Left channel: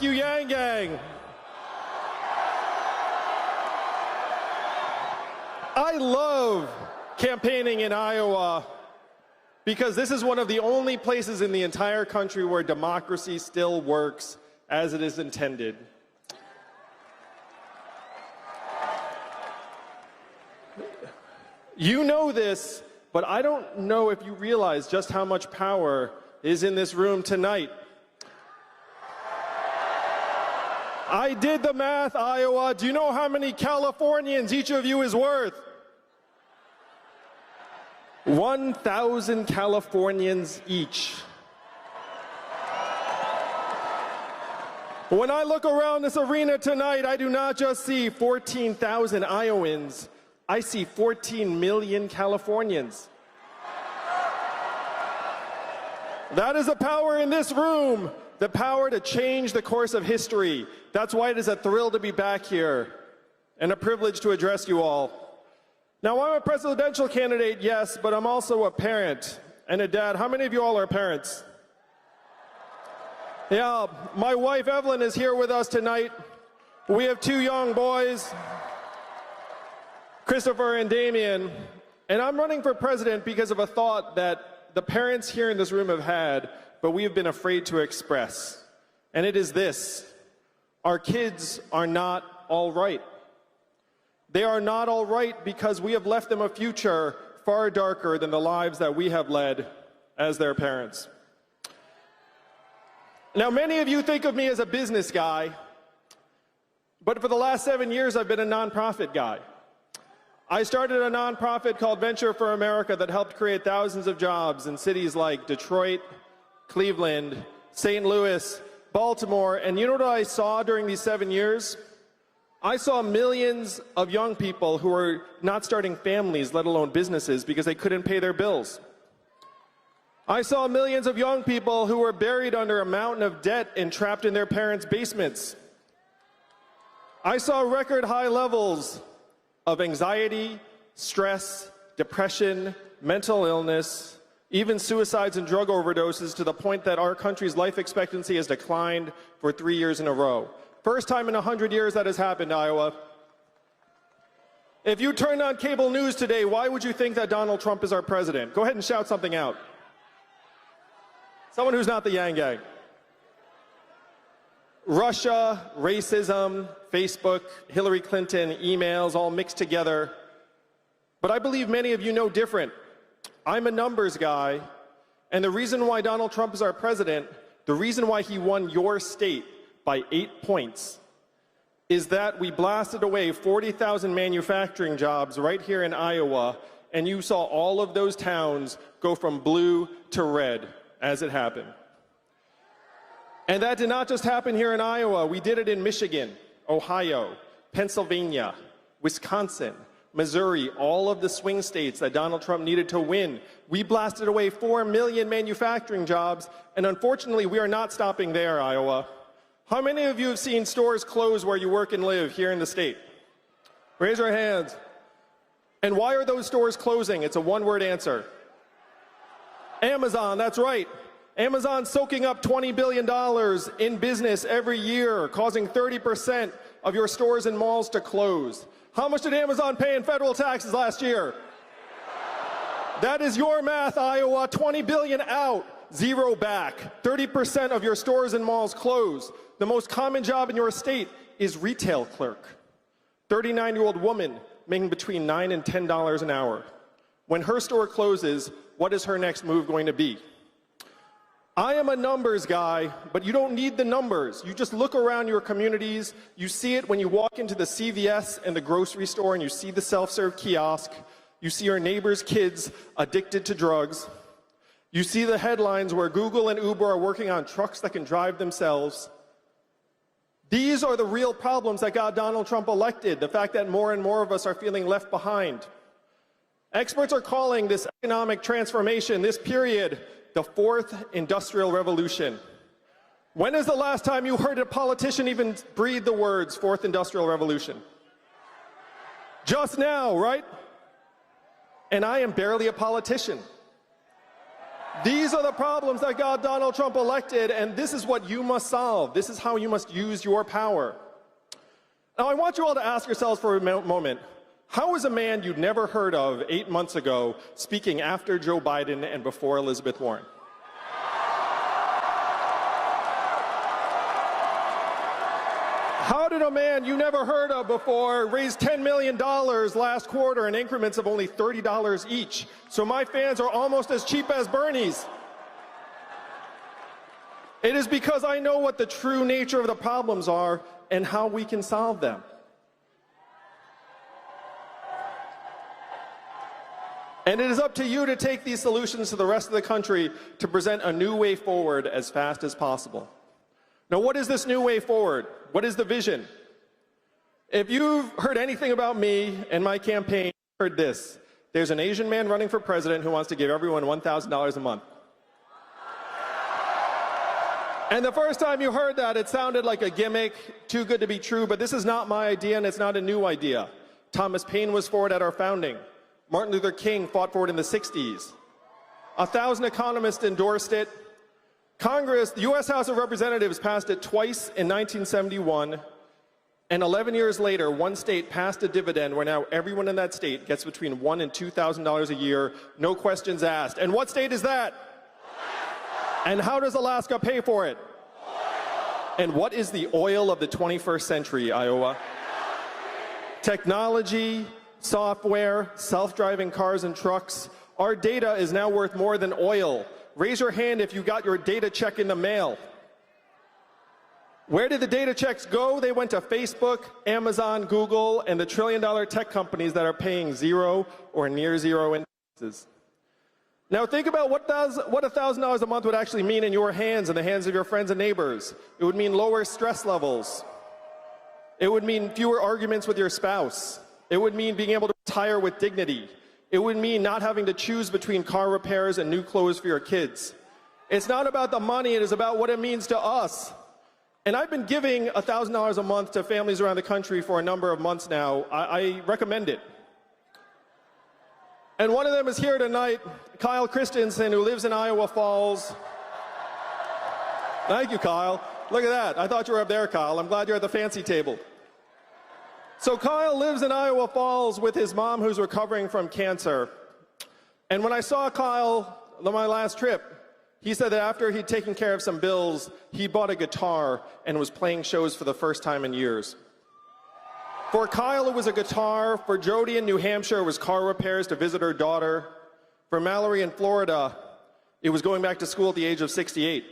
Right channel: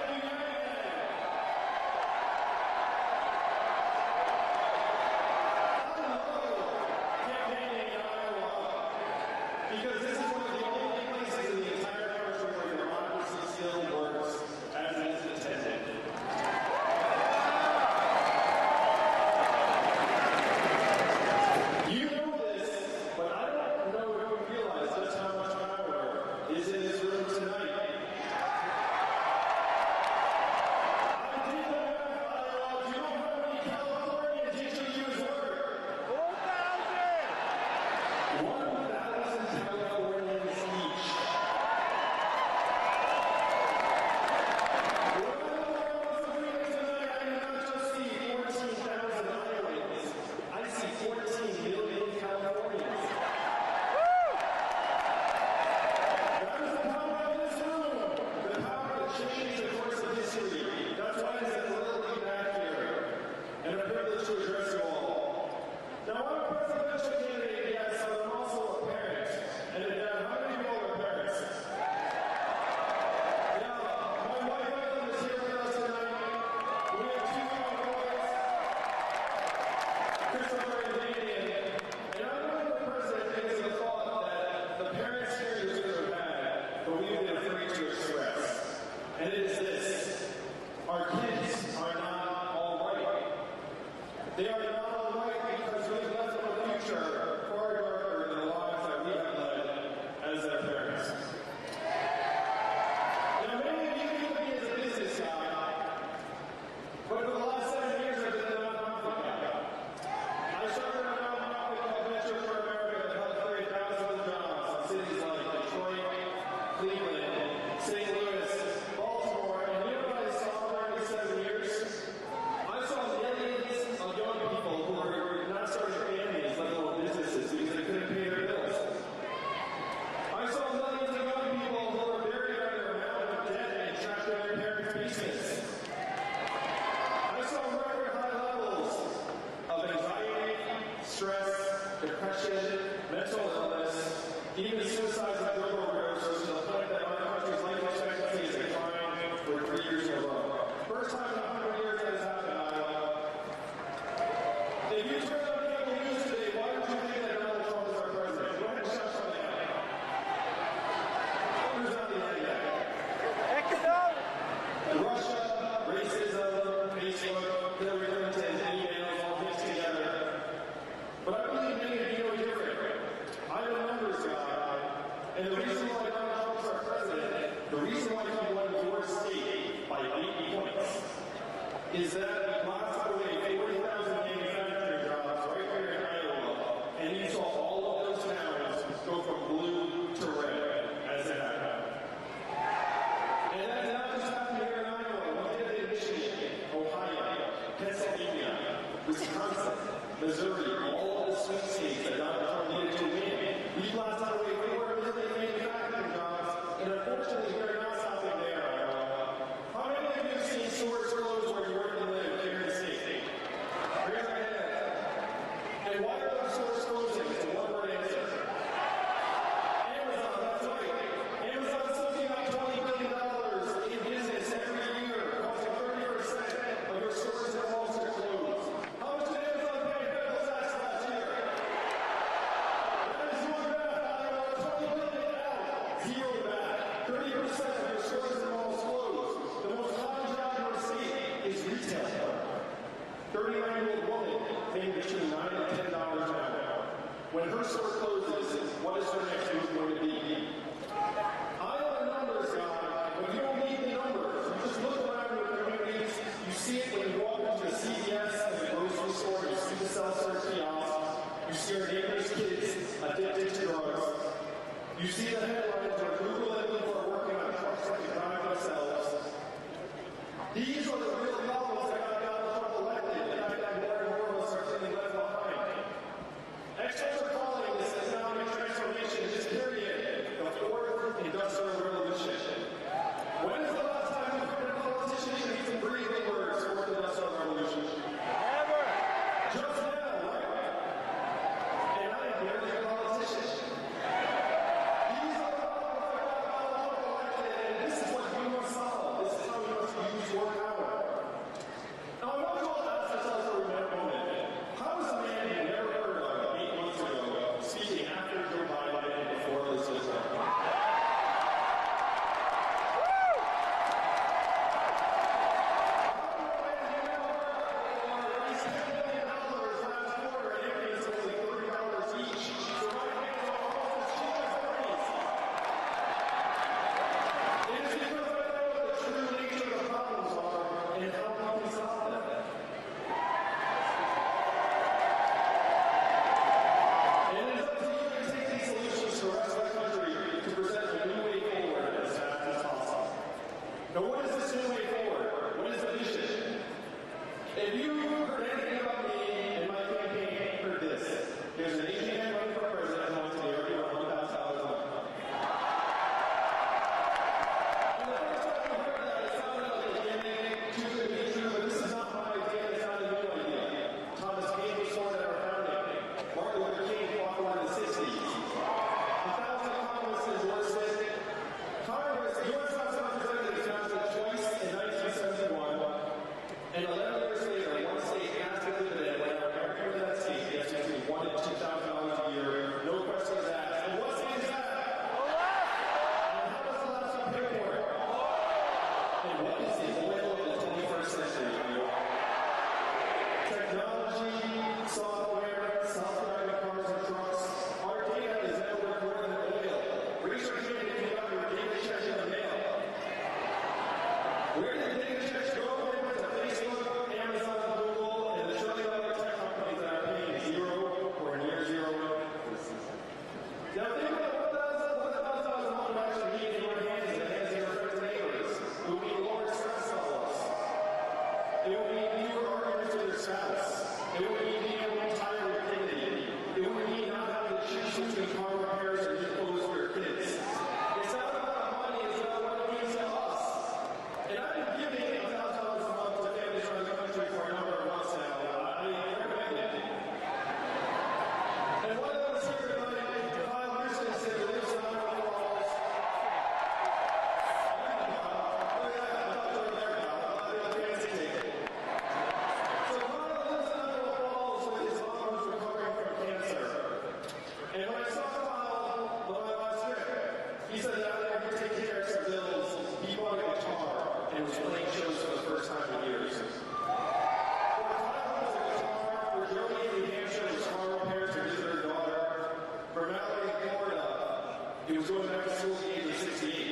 Thank you, Yang Gang. I love campaigning in Iowa because this is one of the only places in the entire country where democracy still works as it is intended. You know this, but I don't know if you realize just how much power is in this room tonight. I did the math, Iowa. Do you know how many Californians each of you is worth? 1,000 Californians each. When I look around this arena tonight, I do not just see 14,000 Iowans. I see 14 million Californians. That is the power in this room, the power to change the course of history. That's why it is a thrill to be back here and a privilege to address you all. Now, I'm a presidential candidate, yes, but I'm also a parent and a dad. How many of you all are parents? Yeah, my wife Evelyn is here with us tonight. We have two young boys, Christopher and Damien, and I'm running for president because of a thought that the parents here in this room have had, but we have been afraid to express. And it is this: our kids are not all right. They are not all right because we have left them a future far darker than the lives that we have led as their parents. Now, many of you think of me as a business guy, but for the last 7 years, I've been a nonprofit guy. I started a nonprofit called Venture for America that helped create thousands of jobs in cities like Detroit, Cleveland, St. Louis, Baltimore, and you know what I saw during these 7 years? I saw millions of young people who were not starting families, let alone businesses, because they couldn't pay their bills. I saw millions of young people who were buried under a mountain of debt and trapped in their parents' basements. I saw record high levels of anxiety, stress, depression, mental illness, even suicides and drug overdoses, to the point that our country's life expectancy has declined for 3 years in a row. First time in 100 years that has happened, Iowa. If you turned on cable news today, why would you think that Donald Trump is our president? Go ahead and shout something out. Someone who's not the Yang Gang. Russia, racism, Facebook, Hillary Clinton, emails, all mixed together. But I believe many of you know different. I'm a numbers guy, and the reason why Donald Trump is our president, the reason why he won your state by 8 points, is that we blasted away 40,000 manufacturing jobs right here in Iowa, and you saw all of those towns go from blue to red as it happened. And that did not just happen here in Iowa. We did it in Michigan, Ohio, Pennsylvania, Wisconsin, Missouri, all of the swing states that Donald Trump needed to win. We blasted away 4 million manufacturing jobs, and unfortunately, we are not stopping there, Iowa. How many of you have seen stores close where you work and live here in the state? Raise your hands. And why are those stores closing? It's a one-word answer. Amazon, that's right. Amazon soaking up $20 billion in business every year, causing 30% of your stores and malls to close. How much did Amazon pay in federal taxes last year? That is your math, Iowa. 20 billion out, 0 back. 30% of your stores and malls closed. The most common job in your state is retail clerk. 39-year-old woman making between $9 and $10 an hour. When her store closes, what is her next move going to be? I am a numbers guy, but you don't need the numbers. You just look around your communities. You see it when you walk into the CVS and the grocery store and you see the self-serve kiosk. You see your neighbors' kids addicted to drugs. You see the headlines where Google and Uber are working on trucks that can drive themselves. These are the real problems that got Donald Trump elected, the fact that more and more of us are feeling left behind. Experts are calling this economic transformation, this period, the fourth industrial revolution. When is the last time you heard a politician even breathe the words fourth industrial revolution? Never. Just now, right? And I am barely a politician. These are the problems that got Donald Trump elected, and this is what you must solve. This is how you must use your power. Now, I want you all to ask yourselves for a moment, how is a man you'd never heard of 8 months ago speaking after Joe Biden and before Elizabeth Warren? How did a man you never heard of before raise $10 million last quarter in increments of only $30 each? So my fans are almost as cheap as Bernie's. It is because I know what the true nature of the problems are and how we can solve them. And it is up to you to take these solutions to the rest of the country to present a new way forward as fast as possible. Now, what is this new way forward? What is the vision? If you've heard anything about me and my campaign, heard this. There's an Asian man running for president who wants to give everyone $1,000 a month. And the first time you heard that, it sounded like a gimmick, too good to be true, but this is not my idea and it's not a new idea. Thomas Paine was for it at our founding. Martin Luther King fought for it in the 60s. 1,000 economists endorsed it. Congress, the U.S. House of Representatives passed it twice in 1971, and 11 years later, one state passed a dividend where now everyone in that state gets between $1,000 and $2,000 a year, no questions asked. And what state is that? And how does Alaska pay for it? And what is the oil of the 21st century, Iowa? Technology, software, self-driving cars and trucks. Our data is now worth more than oil. Raise your hand if you got your data check in the mail. Where did the data checks go? They went to Facebook, Amazon, Google, and the trillion-dollar tech companies that are paying zero or near zero in taxes. Now think about what $1,000 a month would actually mean in your hands and the hands of your friends and neighbors. It would mean lower stress levels. It would mean fewer arguments with your spouse. It would mean being able to retire with dignity. It would mean not having to choose between car repairs and new clothes for your kids. It's not about the money, it is about what it means to us. And I've been giving $1,000 a month to families around the country for a number of months now. I recommend it. And one of them is here tonight, Kyle Christensen, who lives in Iowa Falls. Thank you, Kyle. Look at that. I thought you were up there, Kyle. I'm glad you're at the fancy table. So Kyle lives in Iowa Falls with his mom who's recovering from cancer. And when I saw Kyle on my last trip, he said that after he'd taken care of some bills, he bought a guitar and was playing shows for the first time in years. For Kyle, it was a guitar. For Jody in New Hampshire, it was car repairs to visit her daughter. For Mallory in Florida, it was going back to school at the age of 68.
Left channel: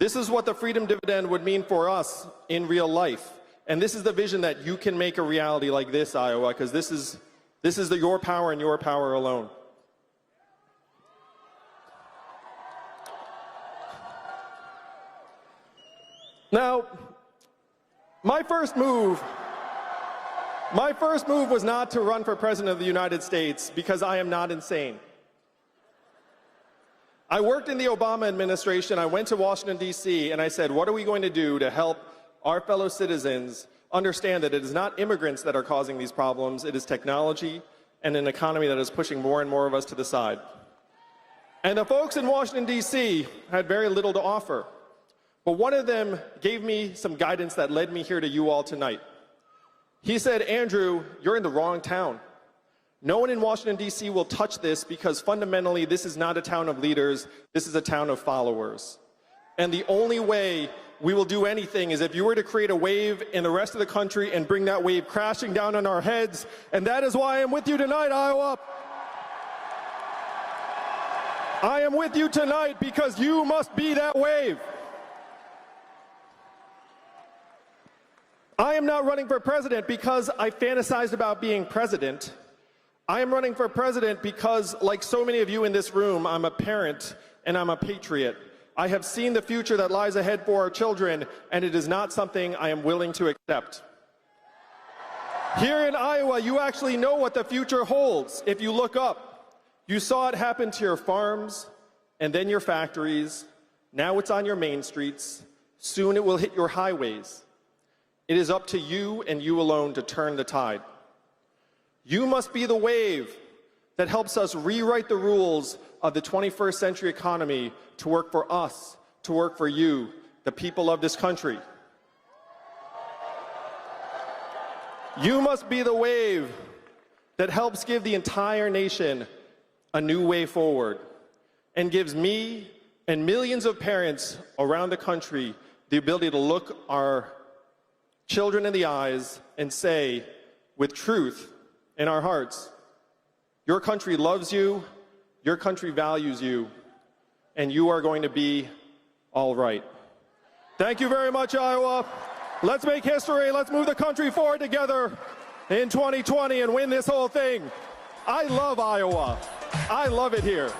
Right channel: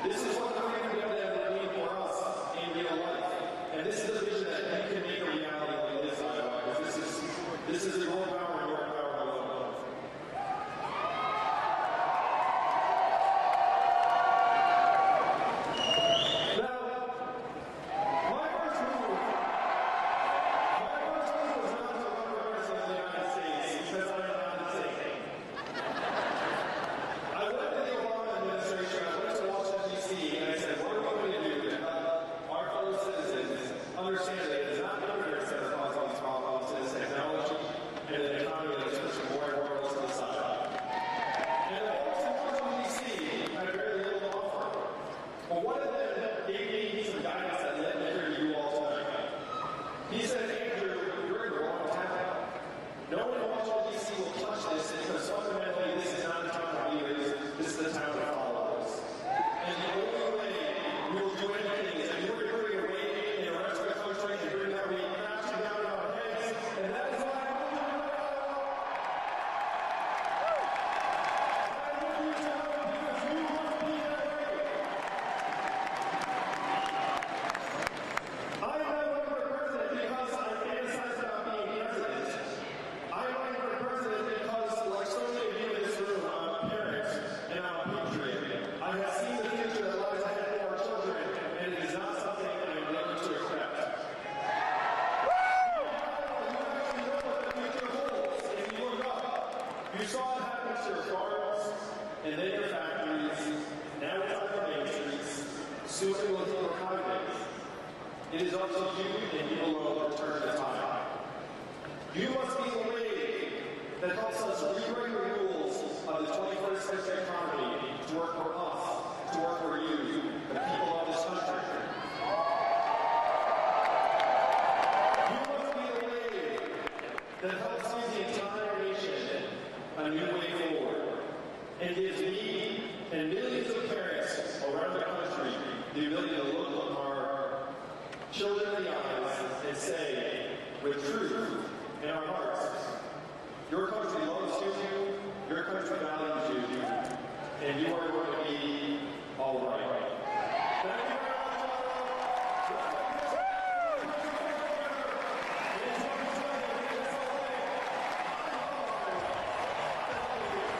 This is what the Freedom Dividend would mean for us in real life. And this is the vision that you can make a reality like this, Iowa, because this is your power and your power alone. Now, my first move was not to run for president of the United States because I am not insane. I worked in the Obama administration. I went to Washington, D.C., and I said, what are we going to do to help our fellow citizens understand that it is not immigrants that are causing these problems, it is technology and an economy that is pushing more and more of us to the side. And the folks in Washington, D.C. had very little to offer. But one of them gave me some guidance that led me here to you all tonight. He said, Andrew, you're in the wrong town. No one in Washington, D.C. will touch this because fundamentally this is not a town of leaders, this is a town of followers. And the only way we will do anything is if you were to create a wave in the rest of the country and bring that wave crashing down on our heads. And that is why I'm with you tonight, Iowa. I am with you tonight because you must be that wave. I am not running for president because I fantasized about being president. I am running for president because, like so many of you in this room, I'm a parent and I'm a patriot. I have seen the future that lies ahead for our children, and it is not something I am willing to accept. Here in Iowa, you actually know what the future holds. If you look up, you saw it happen to your farms and then your factories. Now it's on your main streets. Soon it will hit your highways. It is up to you and you alone to turn the tide. You must be the wave that helps us rewrite the rules of the 21st century economy to work for us, to work for you, the people of this country. You must be the wave that helps give the entire nation a new way forward and gives me and millions of parents around the country the ability to look our children in the eyes and say, with truth in our hearts, your country loves you, your country values you, and you are going to be all right. Thank you very much, Iowa. Let's make history. Let's move the country forward together in 2020 and win this whole thing. I love Iowa. I love it here.